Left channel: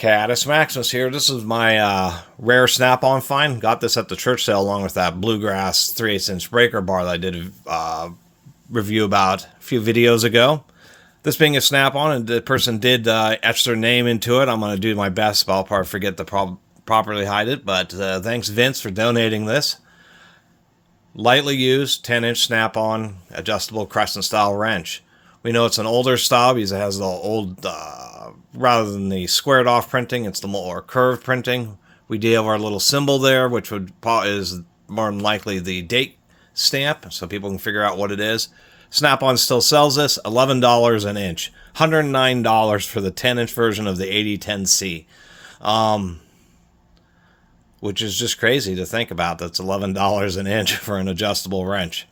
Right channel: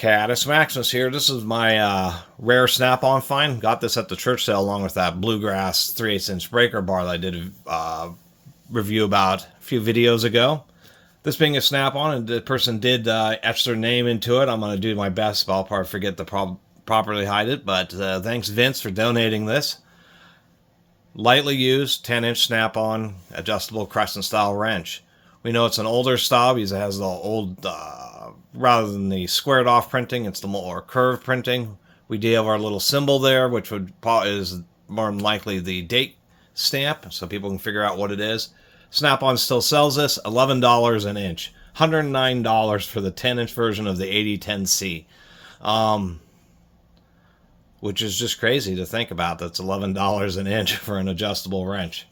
Catus Maximus here. This is my rare snap-on find. Got this at the church sale along with that Bluegrass 3/8" breaker bar that I did a review about a few videos ago. This being a snap-on, and the person did etch their name into it. I'm going to do my best, but I'll probably forget to properly hide it. But thanks, Vince, for donating this. Lightly used, 10-inch snap-on, adjustable crescent-style wrench. We know it's an older style because it has the old, rather than the squared-off printing, it's the more curved printing. We do have our little symbol there, which is more than likely the date stamp, so people can figure out what it is. Snap-on still sells this, $11 an inch. $109 for the 10-inch version of the 8010C. Which is just crazy to think about. That's $11 an inch for an adjustable wrench.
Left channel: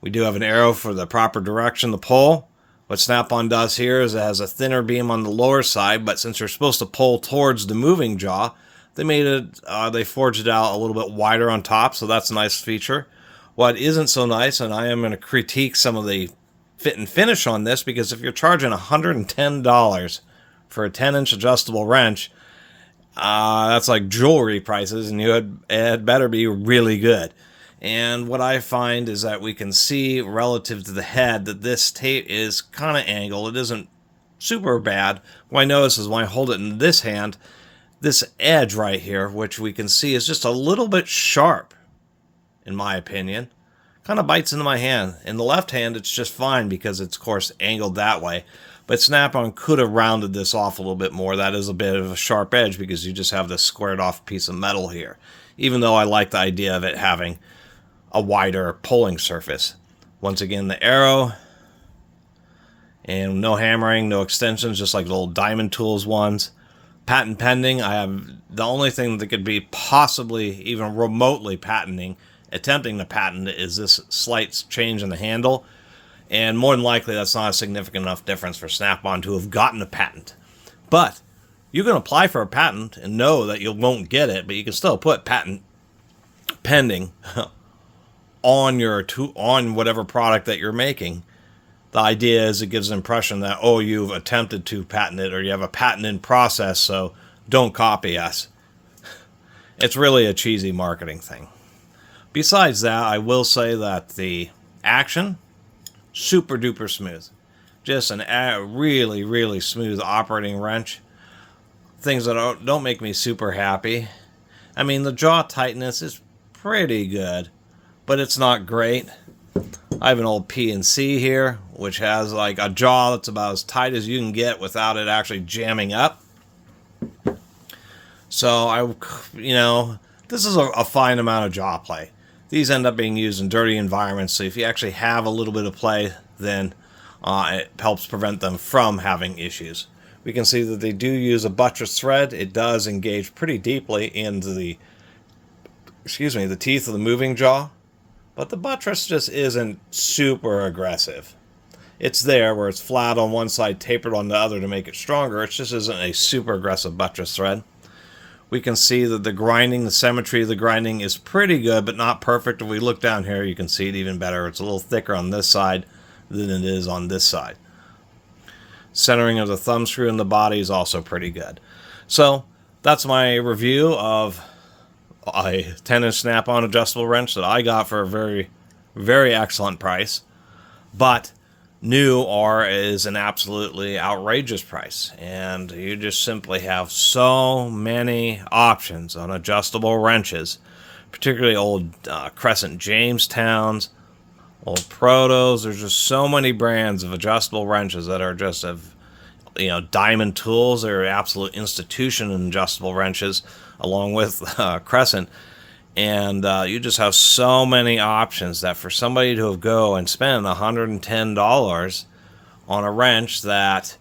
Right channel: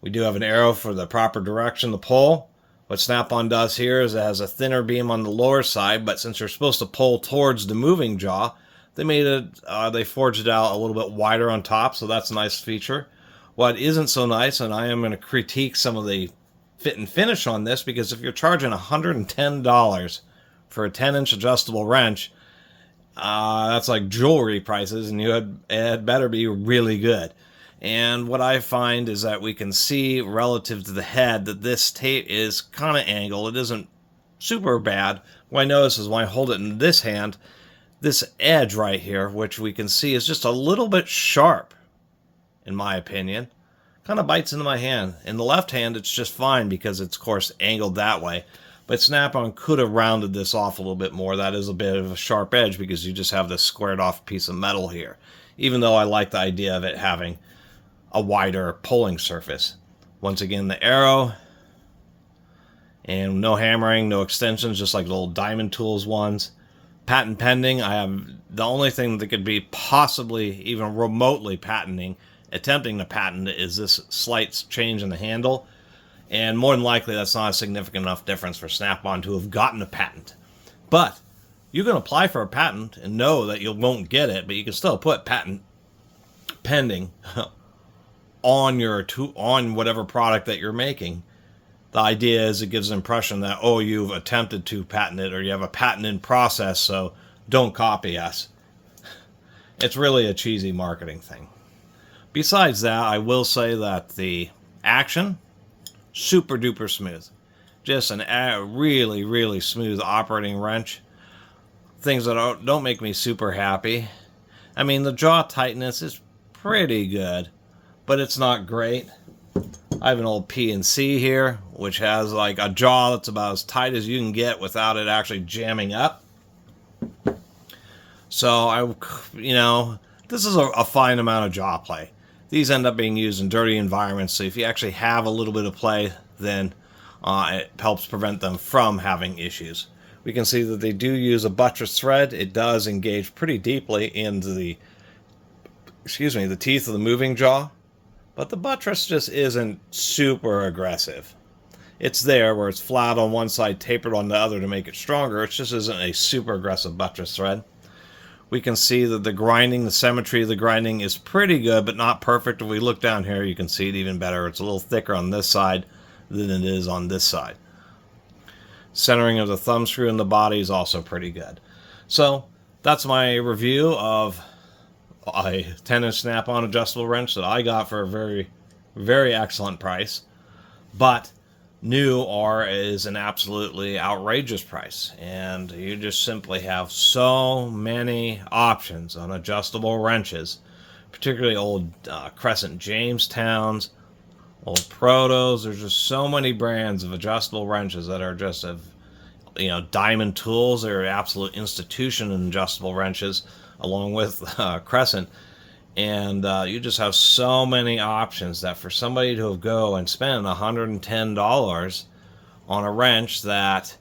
We do have an arrow for the proper direction to pull. What Snap-on does here is it has a thinner beam on the lower side, but since you're supposed to pull towards the moving jaw, they forged it out a little bit wider on top, so that's a nice feature. What isn't so nice, and I am going to critique some of the fit and finish on this, because if you're charging $110 for a 10-inch adjustable wrench, that's like jewelry prices, and it had better be really good. And what I find is that we can see relative to the head that this tape is kind of angled. It isn't super bad. What I notice is when I hold it in this hand, this edge right here, which we can see is just a little bit sharp, in my opinion. Kind of bites into my hand. In the left hand, it's just fine because it's, of course, angled that way. But Snap-on could have rounded this off a little bit more. That is a bit of a sharp edge because you just have this squared off piece of metal here. Even though I like the idea of it having a wider pulling surface. Once again, the arrow. And no hammering, no extensions, just like the old Diamond Tools ones. Patent pending. I have the only thing that could be possibly even remotely attempting to patent is this slight change in the handle. And more than likely, that's not a significant enough difference for Snap-on to have gotten a patent. But you can apply for a patent and know that you won't get it, but you can still put patent pending on whatever product that you're making. The idea is it gives the impression that, oh, you've attempted to patent it, or you have a patent in process, so don't copy us. It's really a cheesy marketing thing. Besides that, I will say that the action, super duper smooth. Just a really, really smooth operating wrench. Things that don't make me super happy. I mean, the jaw tightness is pretty good, but it's not great. I have an old P&C here, which has like a jaw that's about as tight as you can get without it actually jamming up. So, this is a fine amount of jaw play. These end up being used in dirty environments, so if you actually have a little bit of play, then it helps prevent them from having issues. We can see that they do use a buttress thread. It does engage pretty deeply into the teeth of the moving jaw, but the buttress just isn't super aggressive. It's there where it's flat on one side, tapered on the other to make it stronger. It just isn't a super aggressive buttress thread. We can see that the symmetry of the grinding is pretty good, but not perfect. If we look down here, you can see it even better. It's a little thicker on this side than it is on this side. Centering of the thumb screw in the body is also pretty good. So that's my review of a 10-inch Snap-on adjustable wrench that I got for a very, very excellent price. But new is an absolutely outrageous price, and you just simply have so many options on adjustable wrenches, particularly old Crescent Jamestowns, old Protos. There's just so many brands of adjustable wrenches that are just Diamond Tools. They're an absolute institution in adjustable wrenches, along with Crescent. And you just have so many options that for somebody to go and spend $110 on a wrench that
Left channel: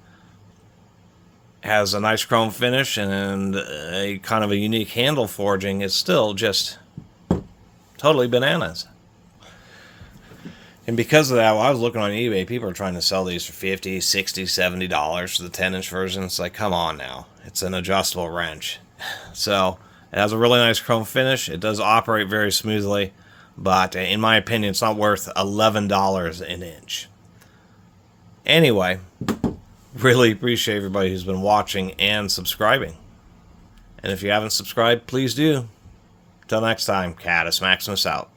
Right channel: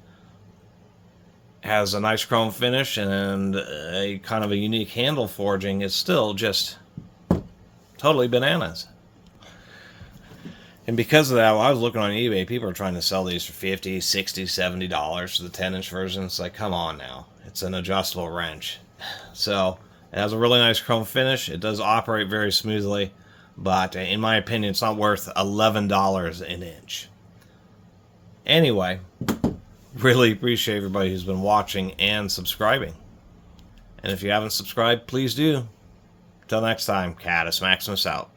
has a nice chrome finish and a kind of a unique handle forging is still just totally bananas. And because of that, when I was looking on eBay, people are trying to sell these for $50, $60, $70 for the 10-inch version. It's like, come on now. It's an adjustable wrench. So it has a really nice chrome finish. It does operate very smoothly, but in my opinion, it's not worth $11 an inch. Anyway, Really appreciate everybody who's been watching and subscribing. And if you haven't subscribed, please do. Till next time, Catus Maximus out.